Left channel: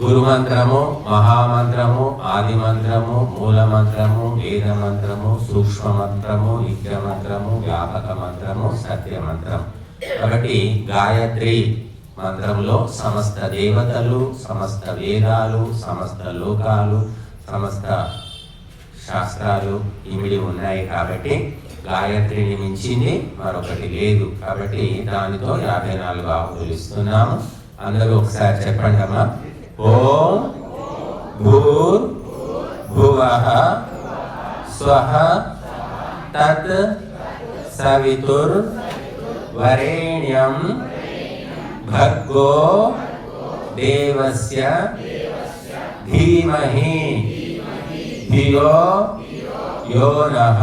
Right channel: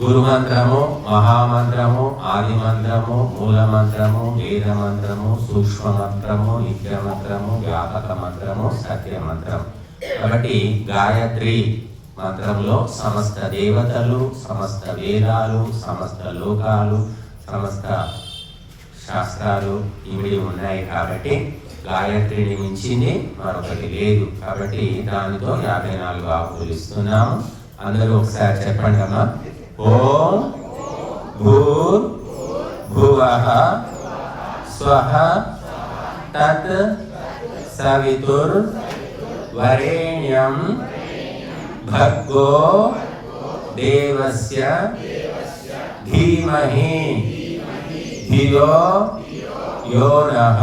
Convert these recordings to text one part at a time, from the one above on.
గురుమంత్రము, మహామంత్రము, ఆది మంత్రము, మూల మంత్రము, వేద మంత్రము, సూక్ష్మ మంత్రము, నిత్య మంత్రము, వ్యాపక మంత్రము, సత్య మంత్రం. కాబట్టి గాయత్రి మంత్రంలో సమస్త దేవతలు, సమస్త వేదాలు, సమస్త లోకాలు, సమస్త శాస్త్రాలు ఇమిడి ఉన్నాయి. కాబట్టి గాయత్రిని మించింది మరొకటి లేదు. కాబట్టి దానితో 54 ఆకులు ఇస్తున్నాము. అందరూ ఒకసారి చెప్పండి అమ్మా. ఓం భూర్భువః స్వః తత్ సవితుర్వరేణ్యం భర్గో దేవస్య ధీమహి ధియో యో నః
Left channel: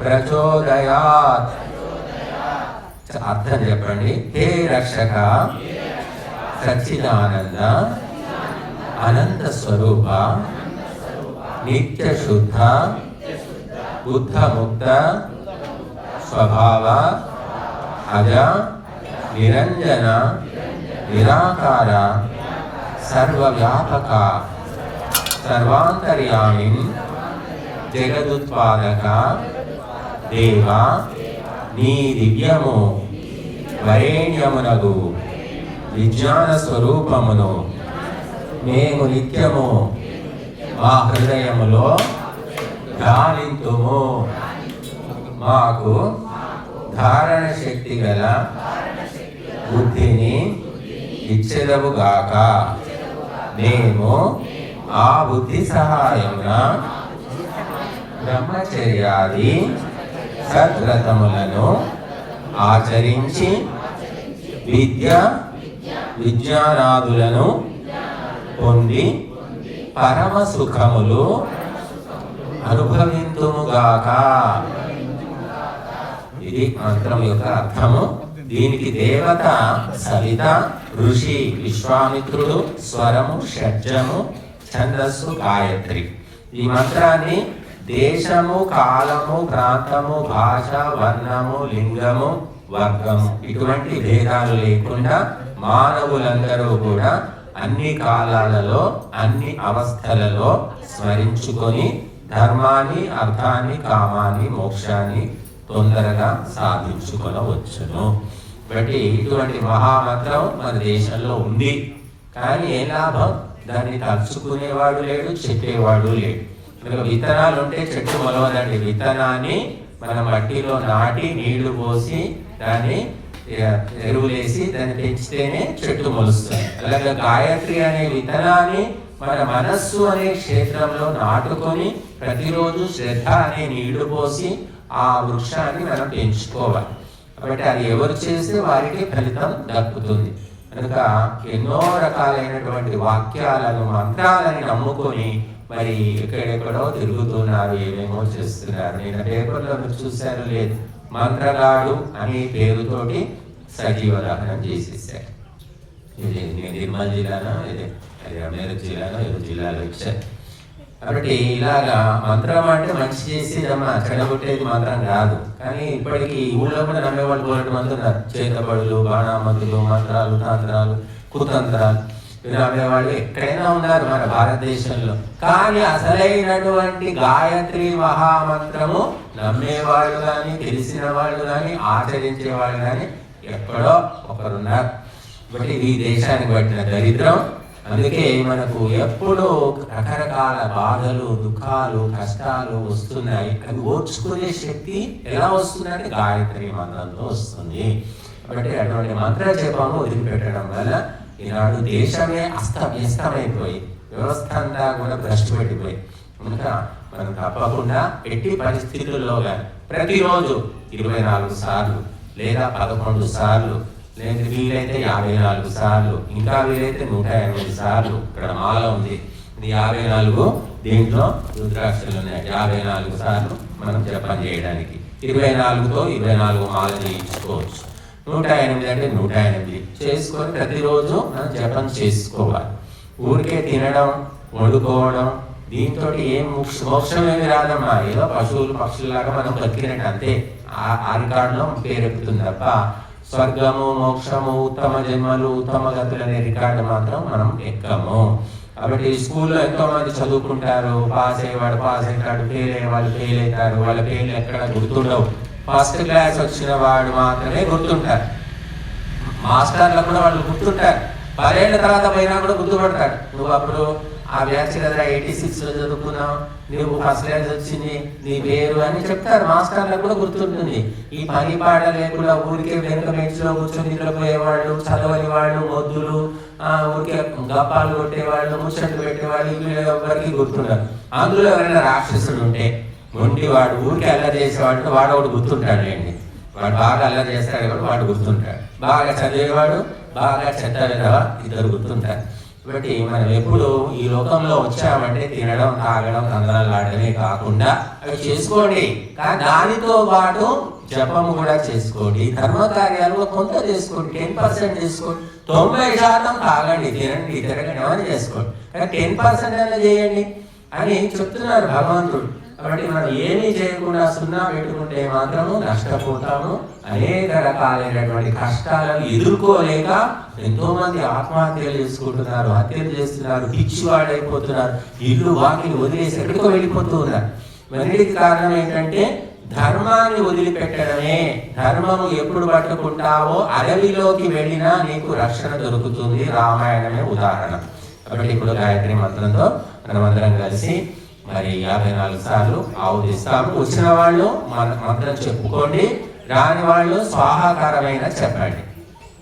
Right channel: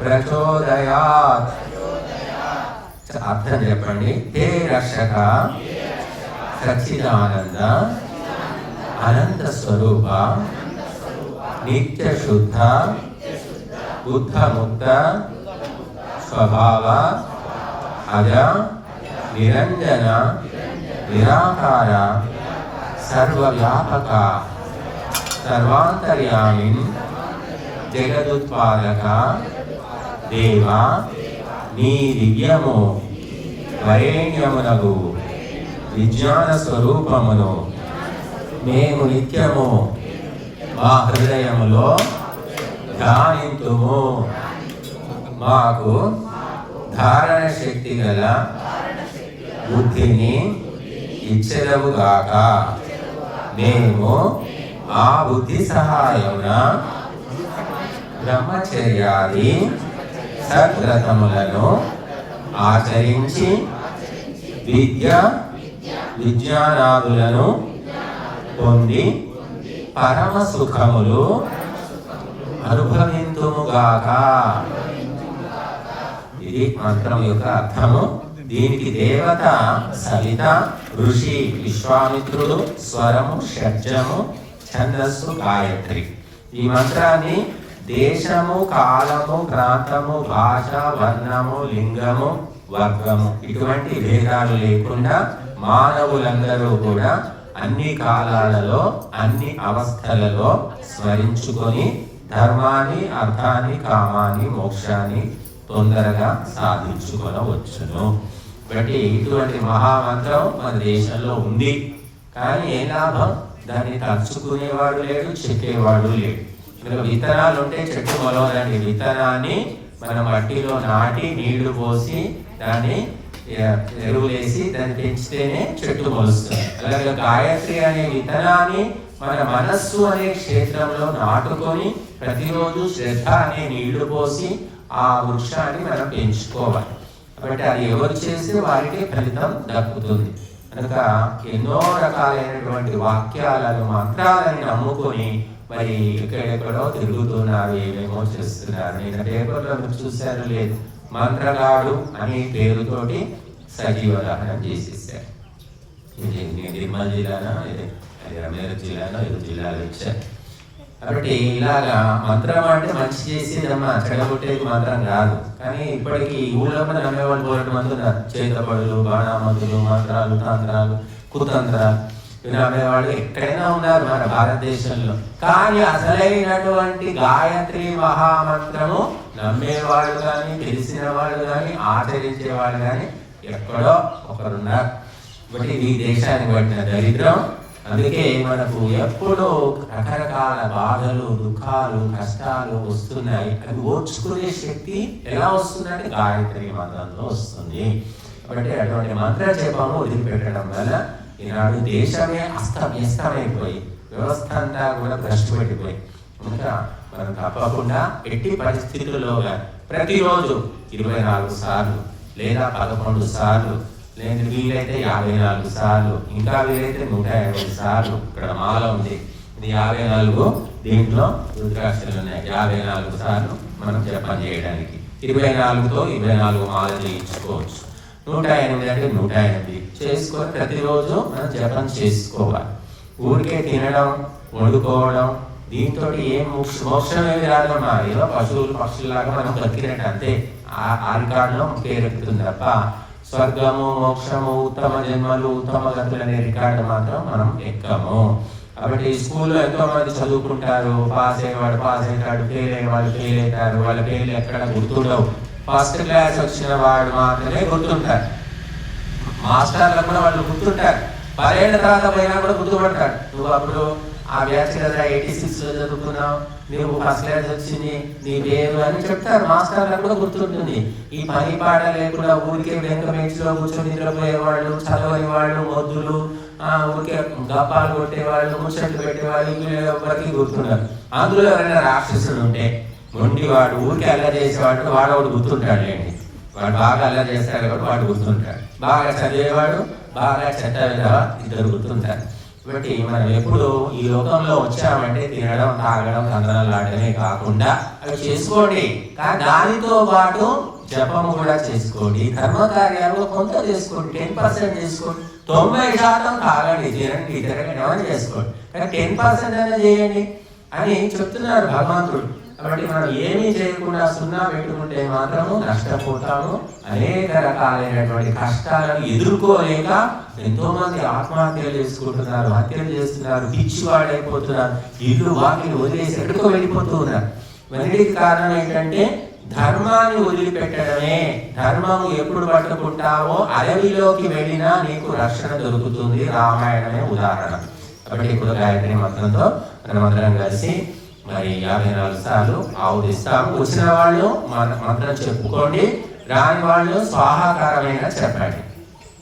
ప్రచోదయాత్. అర్థం చెప్పండి. హే రక్షక సచ్చిదానంద అనంత స్వరూప నిత్య శుద్ధ బుద్ధ ముక్త స్వభావ అజ నిరంజన నిరాకార సర్వవ్యాపక సర్వాంతర్యామి జగదుత్పాదక దేవా నీ దివ్యము వరేణ్యమునగు విజ్ఞాన స్వరూపమును మేము నిత్యము మా హృదయములో ధ్యానింతుము. మాకు ధారణ శక్తి గల బుద్ధిని ఇచ్చెదవుగాక. మేము ఆ బుద్ధి సహాయమున బ్రహ్మచర్యాది సద్వ్రతములను ఆచరించి విజ్ఞానాదులను పొంది పరమ సుఖములు అనుభవింతుముగాక. ఇది మంత్రం యొక్క అర్థము. దీనికి దేవత సవిత, ఋషి విశ్వామిత్రుడు, స్వరము షడ్జము, ఛందస్సు గాయత్రి. ఈ మంత్రాన్ని దేశము, కాలము, ప్రాంతము, భాష, వర్ణము, లింగము, వర్గము ఇటువంటి భేదాలు లేకుండా మానవులందరూ కూడా అన్ని కాలాలలో అన్ని అవస్థలలో స్మరించుకొని ధర్మాన్ని, అర్థాన్ని, కామాన్ని, మోక్షాన్ని తొందరగా సాధించుకోవచ్చును. బట్టి ఇటువంటి మహామంత్రం మన దేశంలో ఉంది. కానీ ఏ లాభం? దాన్ని తలుచుకునేవాడు లేడు, చెప్పేవాడు లేడు. మనకు విత్తనాలు ఉంటే చెట్టు మొలవదండి. విత్తనాన్ని మనం మట్టిలో నాటి నీళ్లు పోసి దాన్ని ఎరువులేసి దాన్ని పెంచితేనే చెట్టు మొలుస్తుంది. అలాగే గాయత్రి అనే విత్తనాన్ని మన మనస్సు అనే క్షేత్రంలో నాటుకొని ప్రతిరోజు శ్రద్ధ అనే నీళ్లు పోసి ఆ వృక్షాన్ని మనం పెంచుకోవాలి. కాబట్టి అది ఎవరు చేస్తే వారికి ఫలితం దక్కుతుంది. కనుక ఎన్నో రకాలైనటువంటి వాక్యాలను, మంత్రాలను నమ్ముకొని మరి ఎక్కడెక్కడో తిరుగుతున్నారు, ఏమేమో చేస్తున్నారు. నేను పేపర్లో మీరు చూశారు లేదు, మంత్రగాడు అనే పేరుతోటి సజీవ దహనం చేసేసారు. ఇది నిర్మల్ జిల్లానా, అది అమేరు జిల్లానా, ఏదో జిల్లాలో ఇచ్చారు. కాబట్టి ఇలాగా మంత్రం అంటే మంచి చేసేదమ్మా, చెడగొట్టేది మంత్రం కాదు. కానీ ఇప్పటికీ ఊళ్ళో కూడా నమ్మేవాళ్ళు పోలేటి మంది ఉన్నారు. చేతబడులు, బాణామంతులు, మంత్రాలు, తంత్రాలు, కుతంత్రాలు ఇవి నమ్మేవాళ్ళు ఎక్కడైనా ఉన్నారు మన భారతదేశంలో. కానీ అసలైనటువంటి గాయత్రి మహామంత్రము నమ్మేవాళ్ళు కానీ, తెలిసిన వాళ్ళు కానీ, ఆచరించేవాళ్ళు కానీ ఎక్కడో ఒకరున్నారు. కాబట్టి ఈ దేశానికి పట్టిన దరిద్రం. అందుకే మనకు ఎప్పుడూ రకరకాల బాధలు, దుఃఖాలు, కష్టాలు వస్తున్నాయి. అది ఓర్చుకునే శక్తి ఎలా వస్తుందంటే గాయత్రి మంత్రంతో వస్తుంది. కాబట్టి అటువంటి మంత్ర జపము వదిలిపెట్టడం వల్ల ఈనాడు దేశమే అస్తవ్యస్తమైపోయి, వ్యవస్థ అంతా కూడా భ్రష్టుపెట్టిపోయి. కనుక మనం తప్పకుండా ఎట్టి పరిస్థితుల్లో ప్రతిరోజు 24 సార్లు లేదా 11 సార్లు, లేదా వీలైతే 54 సార్లు, ఇంకా వీలైతే 108 సార్లు. ఇక్కడ మాల ఉంది, ఇది 54. దీంట్లో రుద్రాక్షలు ఉన్నాయి. 54 సార్లు మనం జపం చేయడానికి. 24తో 24 మాల చేయించుకోవచ్చు. 108 అంటే 108 చేసుకొని ప్రతిరోజు మనం జపం చేసుకోవాలి. ఊరికే తినడం, వండుకోవడం దీంతో ఏం మోక్షం ఏమి రాదమ్మా. ఏదో పశువులు పక్షుల్లాగా మనం బతికినట్టు అంతే. ఆ రికార్డులో పేరెక్కుతుంది తప్ప స్వర్గము, మోక్షము, ఉత్తమ జన్మలు, ఉత్తమ గతులు అనే రికార్డు మాత్రం మనం ఎక్కము. కాబట్టి స్కూల్లో ఎంతో మంది చదువుకుంటారు, పాస్ అయ్యేవాడు పాస్ అవుతాడు, ఫెయిల్ అయ్యేవాళ్ళు ఫెయిల్ అవుతారు, వాళ్ళ పేర్లు ఎక్కడ గుర్తుండవు. ఫస్ట్ క్లాస్ వచ్చిన వాడు మాత్రమే గుర్తుంటారు. మాస్టర్లు కూడా వాళ్ళు గుర్తుంటారు. 10 ఏళ్ళ తర్వాత పోయినా కూడా గుర్తుపడతాడు. నువ్వు అప్పుడు ఆ బ్యాచ్ కదా 86లో చదువుకున్నావు, నువ్వు ఫస్ట్ క్లాస్ వచ్చింది, నీ పేరు అని చెప్తారు. మాస్టర్లకు కూడా గుర్తుంటుంది. ఈ పని పాట లేకుండా ఊరికే వెనక బెంచ్లో కూర్చొని నిద్రపోయేవాళ్ళు, చదవని వాళ్ళు, మొద్దులు, ఊరికే గప్పాలు కొట్టేవాళ్ళు, ముచ్చట్లు పెట్టేవాళ్ళు, ఇవి ఎవరికి గుర్తుంటారు. అందులో ఎవరైనా రాక్షసుడు ఉంటే, మొండివాడు, ఊరికి అలా చేసేవాడు, వాడు ఒకటి గుర్తుంటాడండి. వాడు బాగా అలా చేస్తాడు కాబట్టి వాడు గుర్తుంటాడు. బాగా చదివేవాడు, బాగా చెత్తగా ఇద్దరు గుర్తుంటారు. కాబట్టి మనం ఎప్పుడు ఈ లోకంలో వచ్చామంటే తినడం, తాగడం, తందనాలు ఆడమే కాకుండా అవి చేసుకోండి. కానీ దానితో పాటు జపం కూడా చేసుకోండి. ధర్మ కార్యాలు కొంత చేసుకోండి, 10% చేసుకోండి. 90% తాగండి, తినండి, తిరగండి, ఏమైనా చేసుకోండి. కానీ 10% అనేది చేయండి అని చెప్తున్నారు భగవంతుడు. కాబట్టి మనం ఏమీ చేయకుండా 0 పెట్టుకుంటే మాత్రము నష్టపోతాము. అనేక రకాలైనటువంటి కష్టాలను ఎదుర్కోలేక ఎంతో మంది ఆత్మహత్యలు చేసుకుంటున్నారు, హత్యలు చేస్తున్నారు, పిచ్చివాడైపోతున్నారు, ఇల్లు వాటిని వదిలేసి ఎక్కడికో వెళ్ళిపోతున్నారు. మొదటికి కారణం ఏంటంటే ధర్మాన్ని వదిలిపెట్టడమే. ధర్మము ఎప్పుడు పట్టుకుంటావో అడవిలోకి వెళ్ళినా నీకు రక్షణ దొరుకుతుంది. రామాయణమే ఉదాహరణ. కాబట్టి ఇప్పుడు గాయత్రి మంత్రంతో మనం అందరం కలిసి మరి 54 సార్లు ఆవుదిస్తాము. వచ్చిన వాళ్ళు మన మంత్రం చెప్పుకోండి, రాని వాళ్ళు స్వాహాకారమైన చెప్పండి.